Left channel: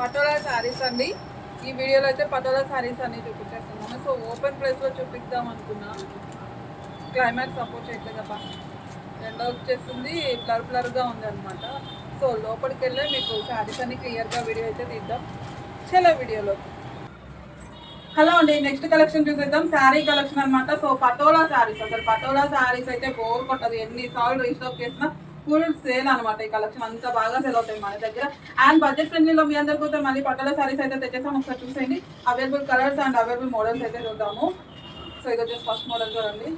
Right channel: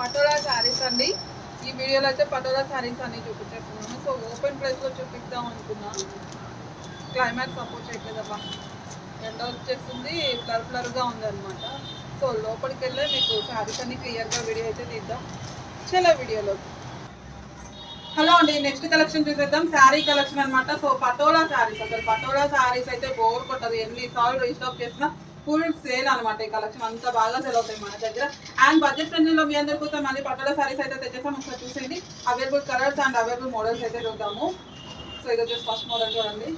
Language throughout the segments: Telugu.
పటోలా శారీస్ అండి. ఈ వీడియోలో అయితే పటోలా శారీస్ అన్ని చూపించేస్తున్నాము. సో ఓపెన్ ప్లేస్లో చూపిద్దాం అనుకున్నా. క్లైమేట్ సపోర్ట్ చేయట్లేదబ్బా. ఎండ వచ్చేస్తుంది బ్లర్ బ్లర్గా ఉంది అనమాట సో లోపలికి వెళ్ళే మీకు శారీస్ అన్ని క్లియర్గా వీడియో అయితే తీద్దాం. చలో వీడియోలో హలో అండి నెక్స్ట్ కలెక్షన్ చూసేద్దాం. శారీ కలెక్షన్ అనమాట సో పటోలా శారీస్. అసలు పటోలా శారీస్ అయితే బోర్ కొట్టదు. ఎన్నిసార్లు రీస్టాక్ చేసినా ఫుల్ సేల్ అనమాట ఈ కలెక్షన్ అంతా బాగా సేల్ అవుతాయి మన దగ్గర. అండ్ బడ్జెట్ ఫ్రెండ్లీలో మీ అందరికీ అయితే మళ్ళీ పటోలా సారీస్ అయితే తెచ్చేసాం ఒకసారి చూసేయండి. Available colours and available models అయితే చూద్దాము. సో ఇది వచ్చేసి ఫస్ట్ మోడల్ చూడండి.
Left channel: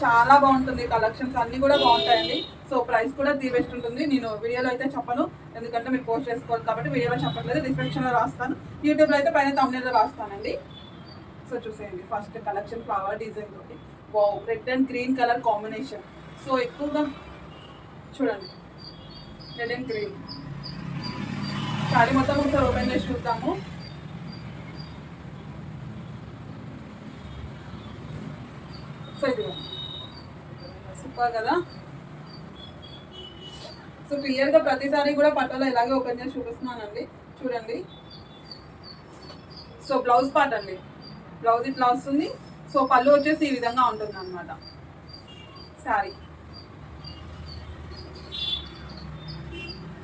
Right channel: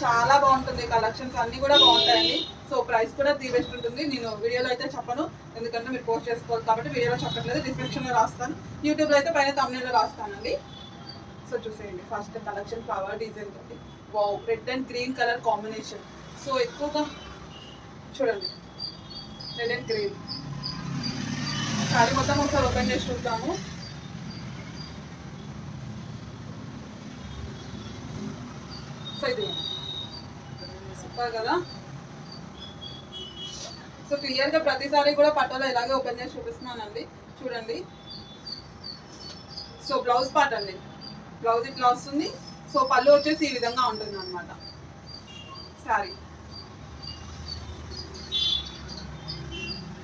చాలా బాగుంటుంది కలెక్షన్స్ అన్నీ కూడా బాగుంటాయండి. సో ప్రైస్ కూడా ది బెస్ట్ ఉంటుంది. నేను వీడియోలో అయితే చెప్పను. ఎందుకంటే మీరు పోస్ట్ చేసుకోవాలి కాబట్టి వీడియోలో చెప్పట్లేదు. డిస్క్రిప్షన్లో రాస్తాను. యూట్యూబ్లో అయితే పైన తమిళలో రాస్తానండి. సో చూసేయండి. ఫస్ట్ కలెక్షన్ ఫ్లవర్ డిజైన్ తోటి. Wow red and green colour combination so ఎక్కువగా చూడండి. రెడ్ అండ్ గ్రీన్ శారీ మొత్తం ఒకసారి ఓపెన్ చేసి చూద్దాము. సో ఇది సూపర్ కదా? సో క్లియర్గా ప్రతిసారి కూడా పట్టలో ఇలాగే ఓపెన్ చేసి చూపిస్తున్నానండి. చూడండి. సో బ్లౌజ్ పార్ట్ అండి. బ్లౌజ్ ఇట్లా వస్తుంది. సో పళ్ళు వచ్చేసి ఈ విధంగా ఉంటుంది అనమాట శారీ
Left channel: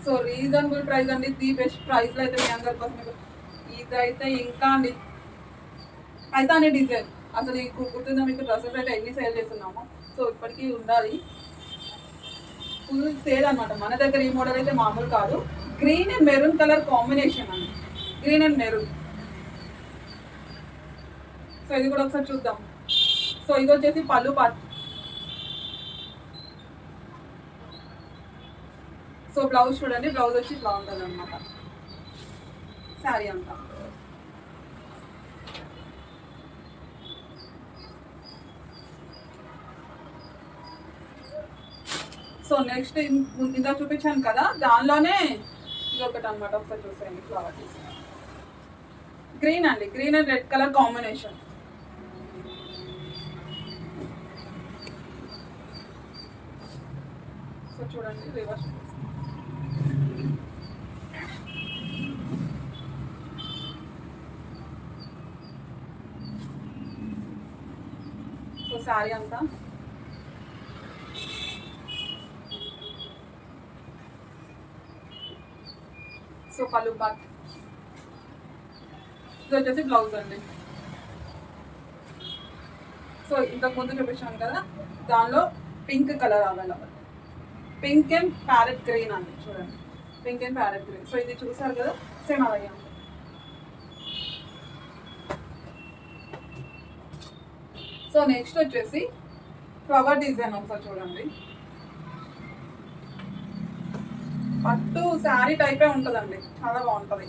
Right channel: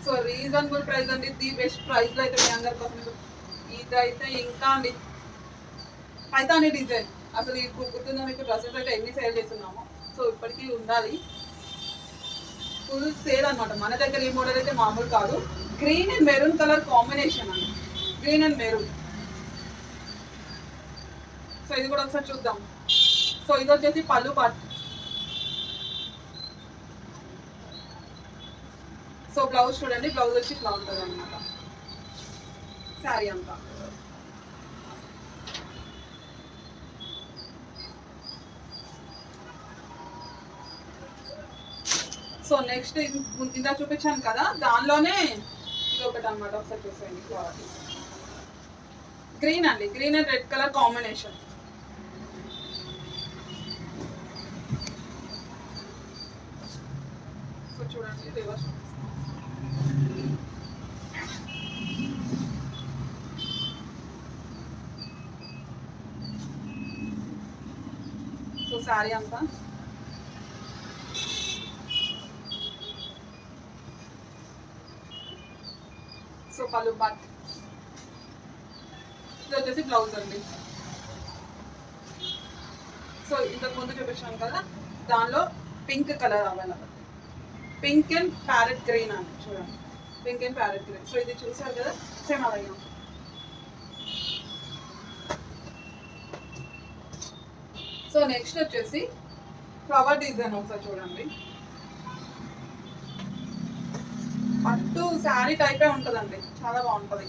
సో రీజనబుల్ ప్రైస్ అండి. ది బెస్ట్ ప్రైస్లో అయితే మీ అందరి కోసం మీకు ఇదైతే ఇంకా అండి. పైతాని డిజైన్. అసలు ఇప్పుడు గుర్తుందా మీకు? డ్రెస్సెస్ అయితే ఎన్ని సేల్ చేస్తున్నాము. సో ఇప్పటికీ ఉండాలి. ఫుల్ సేల్ అనమాట మన దగ్గర ఈ మోడల్ అయితే మామూలు కాదు. Green and maroon colour combination అండి. Green and maroon. సో ఇది కూడా ఒకసారి చూద్దాం. సో ఇది వచ్చేసి పళ్ళు పాటు సో బ్లౌజ్ చూడండి బ్లౌజ్ వచ్చి ఇట్లా ఉంటుంది అనమాట శారీ అంతా. సో నెక్స్ట్ ఇందా చూపించాను కదా దానిలోనే ఇది ఒకటి అనమాట ఒకసారి చూసేయండి ఫ్లవర్ గ్రీన్ అండి green and red colour combination so చూడండి రివర్స్ సో శారీ అంతా. సో పలు బట్. ఇది వచ్చేసి బ్లౌజ్ అండి. సో ఇంతకు ముందు చూపించాను కదా దానిలో pink colour available. Pink and parrot green అండి చూడండి pink and parrot green so ఇది చూసారు కదా సేమ్ అలాగే సో నెక్స్ట్ వచ్చేసి ఫ్లవర్ డిజైన్ ఒకసారి చూడండి. పట్టు శారీ టైపే ఉంటుందండి. చాలా బాగుంటుంది.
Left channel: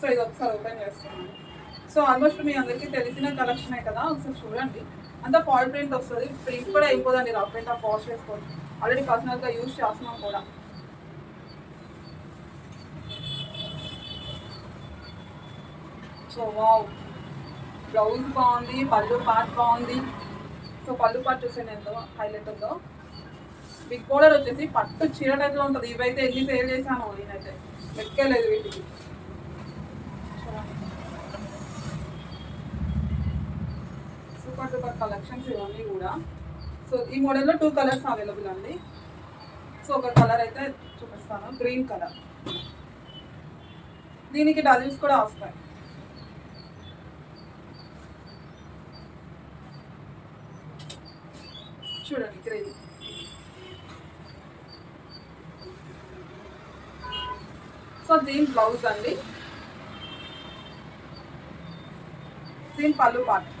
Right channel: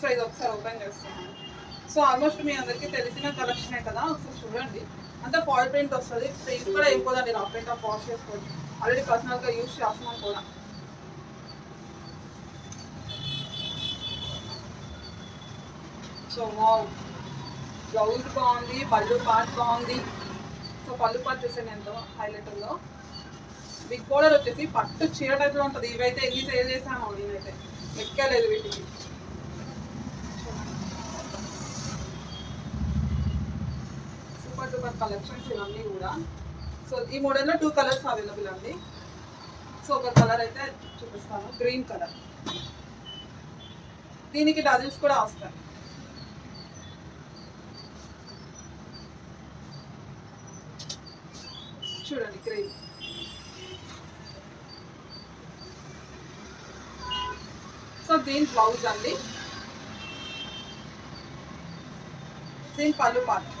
సో ఇది ఒకసారి ఓపెన్ చేస్తున్నాను సో ఆల్మోస్ట్ మీ అందరికీ తెలిసిన కలెక్షనే కదా? ఒకసారి చూడండి. అంతా ఫాల్ ప్రింట్ వస్తుంది. ప్రింట్ కూడా అయిపోదండి రఫ్ ప్రింట్ ఆఫ్ వాష్ చేసుకోవచ్చు ఆల్రెడీ పర్సనల్గా యూజ్ చేస్తున్నాం కూడా. సో వావ్ బ్లౌజ్ బాగుంది పళ్ళు పార్ట్ బాగుంది. సో పళ్ళు పార్ట్ చూసాను ఎంతో హైలైట్ బిగ్ బోర్డర్ వచ్చేసి పట్టు చీర టైప్లో ఉంటుంది. ఇవైతే ఎన్ని సేల్ చేశాను నేనైతే ఎక్కలేదు వీటికి. సూపర్ కలెక్షన్స్ ఇవన్నీ కూడా. సో ఈ మోడల్లో టూ కలర్స్ అవైలబుల్ అండి. సో ఒక కలర్ అయితే చూపిస్తాను. గ్రీన్ కలర్ దీనికి డజిల్స్ కూడా వస్తాయి. చూడండి గ్రీన్ సో దీని బ్లౌజ్ అండి. దీని పళ్ళు పాటు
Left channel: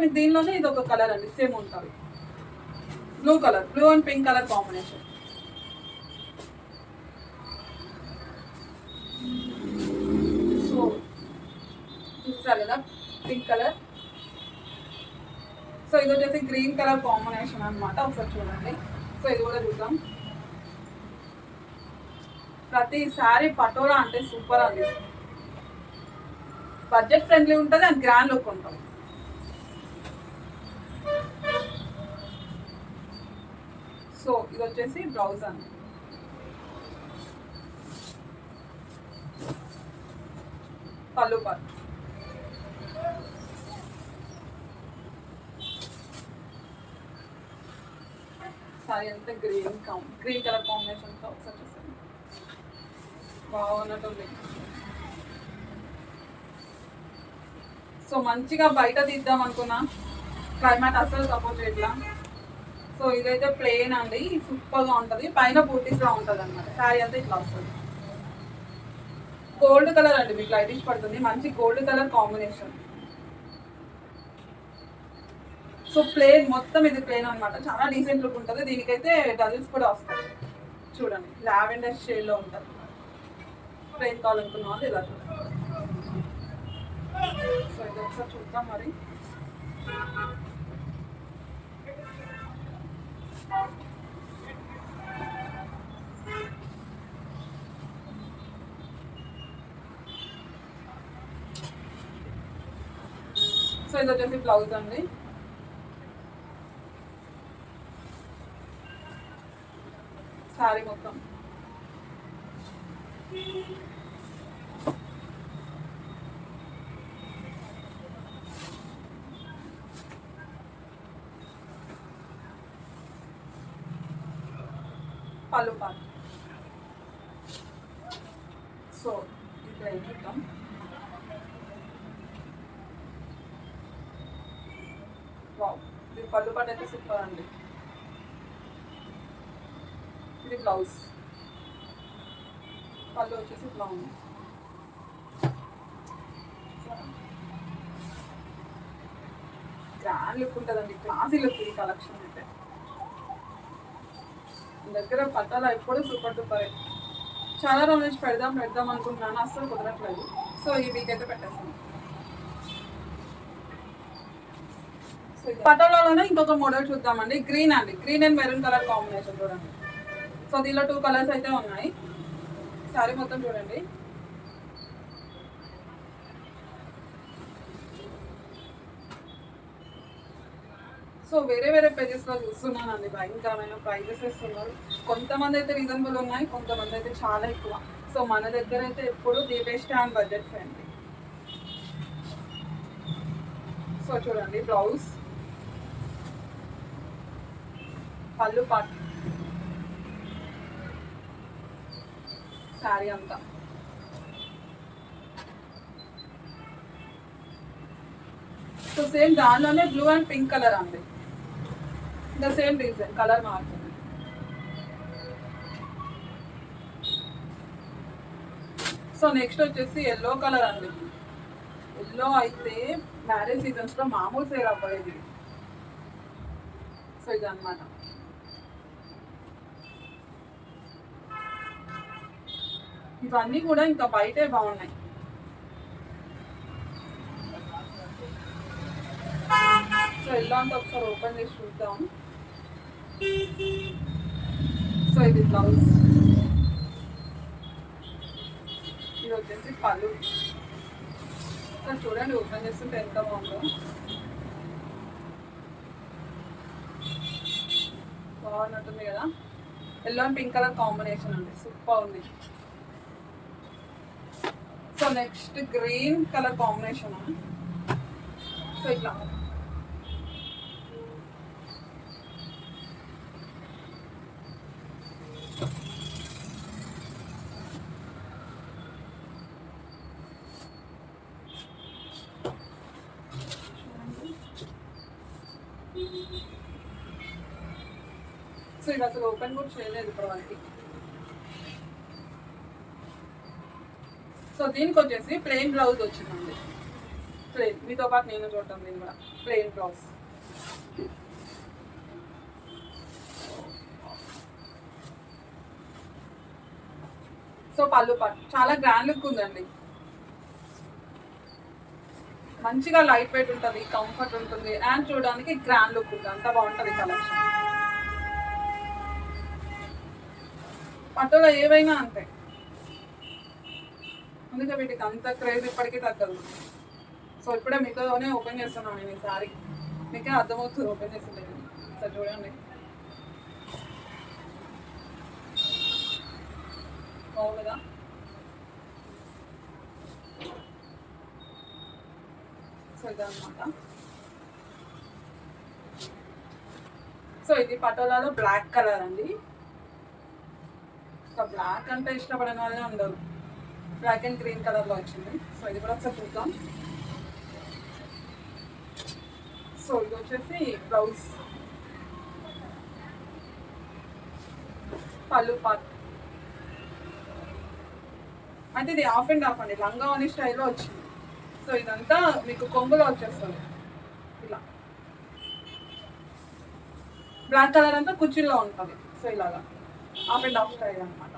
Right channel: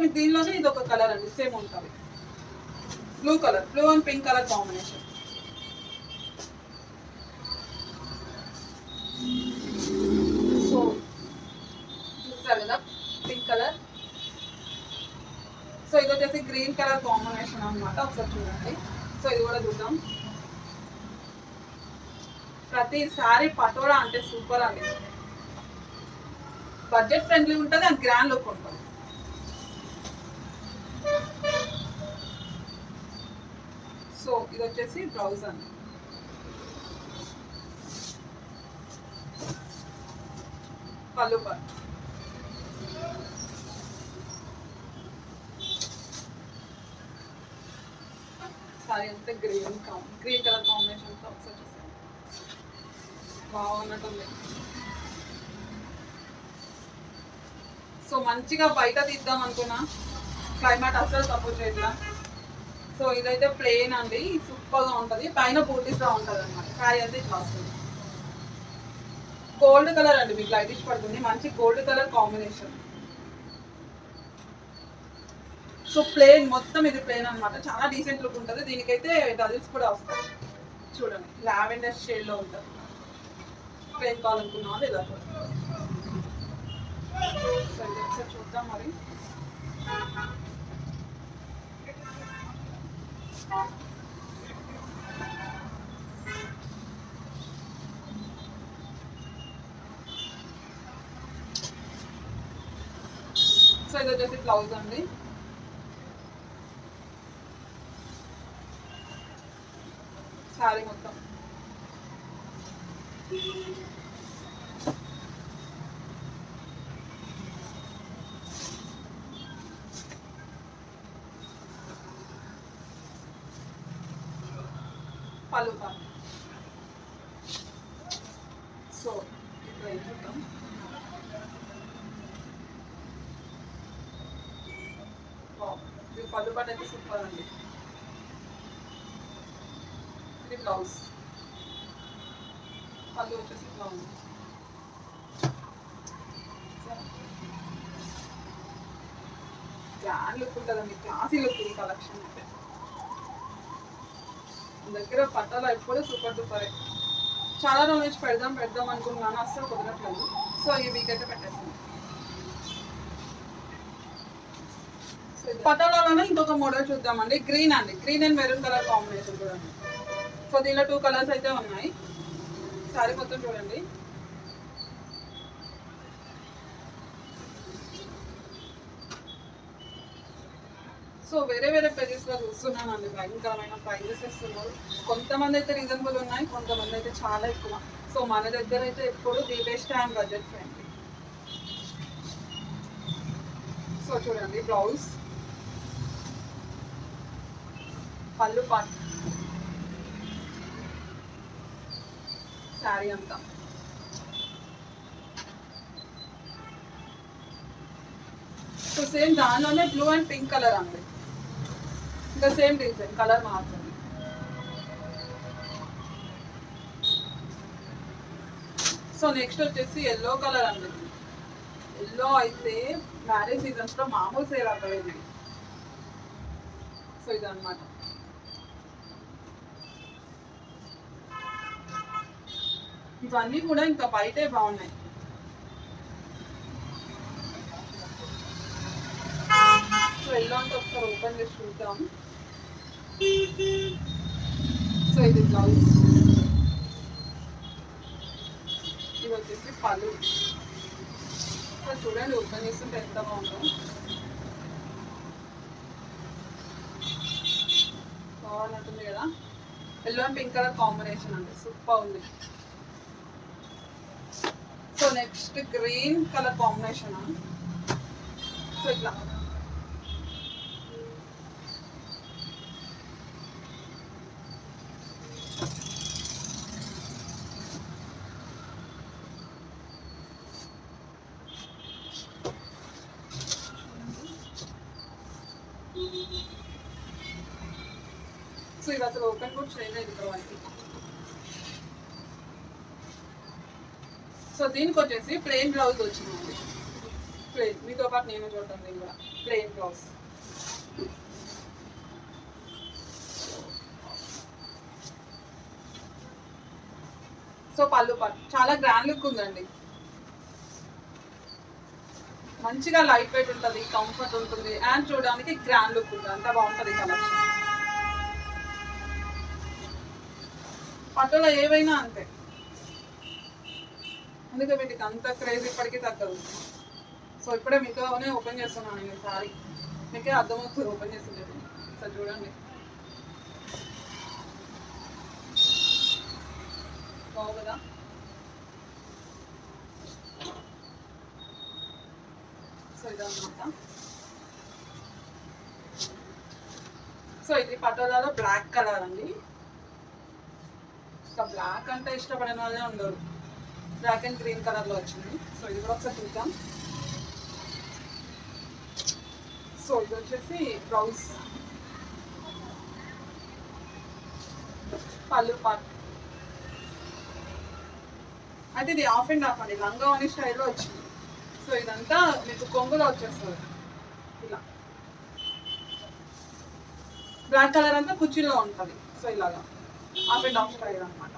సేమ్ దీనిలోనే ఇది ఒక కలర్ అండి. సేమ్ ఉంటుంది. Blue colour. Blue and pink colour combination. So చూస్తారు కదా? Pink colour. సో ఇది వచ్చేసి గ్రీన్ కలర్ కాంబినేషన్ అనమాట ఒకసారి చూడండి. సో ఇది కూడా చూద్దాం. ప్రతి సారీ పటోరా అంటే సూపర్ అండి. బడ్జెట్ ఫ్రెండ్లీ ఉంటుంది అండ్ గ్రాండ్ లుక్ ఉంటుంది. సో ఇది వచ్చేసి బ్లౌజ్ అండి పళ్ళు పట్టు సారీ అంతా గ్రీన్ కాం గ్రీన్ కలర్ కాంబినేషన్ టాప్స్ వచ్చేసాయి బాగున్నట్టుంది సో మంచిగా బయట తీద్దాం అనుకున్నా. క్లైమేట్ అస్సలు సపోర్ట్ చేయట్లా. సో ఇదైతే ప్లెయిన్ అండి. సూపర్గా ఉంటుంది. పైన బూటీస్లో ఉంటుంది అనమాట శారీ అంతా ఇట్లా వస్తుంది. గోల్డ్ కలర్ అండి. మీకు లైటిష్ పడుతుంది. మంచి gold colour combination so plain మొత్తం ఇది ప్లేన్ అనమాట చాలా డీసెంట్ లుక్ ఉంటుంది. దీనికైతే డజిల్స్ కూడా వస్తాయి. చూడండి. లావెండర్ షేడ్లో ఉంటుంది. ప్లేన్ కావాలనుకున్న వాళ్ళు ఇలా చూడండి సో ఇది ఒకసారి చూద్దాం మరి. సో ఇది వచ్చేసి బ్లౌజ్ అండి. శారీ మొత్తం పళ్ళు పళ్ళు సో ఇప్పుడు ఏం వావ్ ఇది పళ్ళు పాట అయితే సూపర్ అండి. ఇది బ్లౌజ్. పళ్ళు వచ్చేసి ఇట్లా ఉంది గ్రాండ్ లుక్ ఉంటుందండి. క్లాసీ లుక్ ఈ కలెక్షన్ అయితే. దగ్గర పట్టాలు ఎప్పుడూ సూపర్ సూపర్. చాలా రోజుల నుంచి పెడదాం పెడదాం అనుకుంటున్నాను. అస్సలు కుదరట్లేదు. సో ఈ వీక్ అయితే పెట్టేసాను పటోలాలోనే ఇంకొక మోడల్ చూద్దామండి. గ్రీన్ అండి. Green and maroon colour combination చూడండి. సో దీనిలో టూ కలర్స్ అయితే ఉన్నాయి. సారీ మొత్తం చూడండి. సో వేరే వేరే పేజెస్లో చూస్తున్నానండి. భయంకరమైన ప్రైజెస్ ఇస్తున్నారు కొంతమంది అయితే రీజనబుల్ ఉన్నాయి కొంతమంది అయితే చాలా ఎక్కువ. సో మన దగ్గర అయితే ఎప్పుడు the best and budget friendly so చూడండి బ్లౌజ్ పళ్ళు పాట్ శారీ అంతా. సో సేమ్ దానిలోనే బ్లూ అండ్ పింక్ కలర్ అండి. ద సేమ్ రీజన్ కలర్ మారుతుంది. సో నెక్స్ట్ వచ్చేసి ఎల్లో కలర్ అండి. ఎల్లో అయితే మ్యారేజ్ సీజన్స్లో మామూలు సేల్ అవ్వలేదు. సో ఇది అనమాట ఇవన్నీ కూడా ఇంకా బయటే బాగున్నాయి. సో ఎలా అంటే ఒకసారి ఓపెన్ చేసి చూద్దాం. సో ఇది బ్లౌజ్ ఇది వచ్చేసి పళ్ళు సో చూడండి ఓపెన్ చేస్తుంటే ఎంత బాగుందో బాగున్నట్టుంది కదా. Yellow and pink colour combination అండి. సూపర్ ఉంది. So next green colour combination so ఇట్లా. ఇది అసలు ఓపెన్ కూడా చేయలేదు ఇప్పటివరకు సో దీనికి వచ్చేసి ప్లెయిన్ బ్లౌజ్ వచ్చిందండి. ప్లెయిన్ మీతో పాటు నేను చూడటం దీని కూడా. ప్లెయిన్ బ్లౌజ్ సో పళ్ళు పాటు చాలా గ్రాండ్ లుక్ ఉందండి. మంచిగా లైట్ వెయిట్ ఉంటుంది కంఫర్ట్ ఉంటుంది అండ్ చూడడానికి గ్రాండ్ లుక్ ఉంటుంది. అంత బాగుంటుంది కలెక్షన్ పట్టులో ఏవైనా అంతే. అందుకే వీటికి అంత క్రేజ్ ఇప్పటికీ తగ్గదు. సో ఇప్పుడే మీతోనే ఓపెన్ చేస్తున్నాను నేను ఈసారి మీకే అర్థమవుతుంది ఓపెన్ చేస్తుంది సార్ చూడండి. బాగు కదా? సో ఇదన్నమాట. సో ఇది పటోలాలో బ్లాక్ కలర్ అండి. ఇంకా బ్లాక్ అంటే ఇష్టపడిన వాళ్ళే ఉండరు. బ్లాక్ అండ్ గ్రీన్ కలర్లో వచ్చింది. సో ఇది కూడా ఒకసారి చూద్దాం. సో ఇది వచ్చేసి బ్లౌజ్ పళ్ళు పార్ట్ అయితే ఇది హాఫ్ అండ్ హాఫ్ అండి. లంగా అనే స్టైల్లో వచ్చింది. సో ఇదంతా మీకు కొంగులో వచ్చేస్తుంది. ఇలా. బ్లాక్ కలర్ అంతా కుర్చీలో ఉంటుంది. సో ఇలాగా. అప్ అండ్ డౌన్ స్టైల్ అనమాట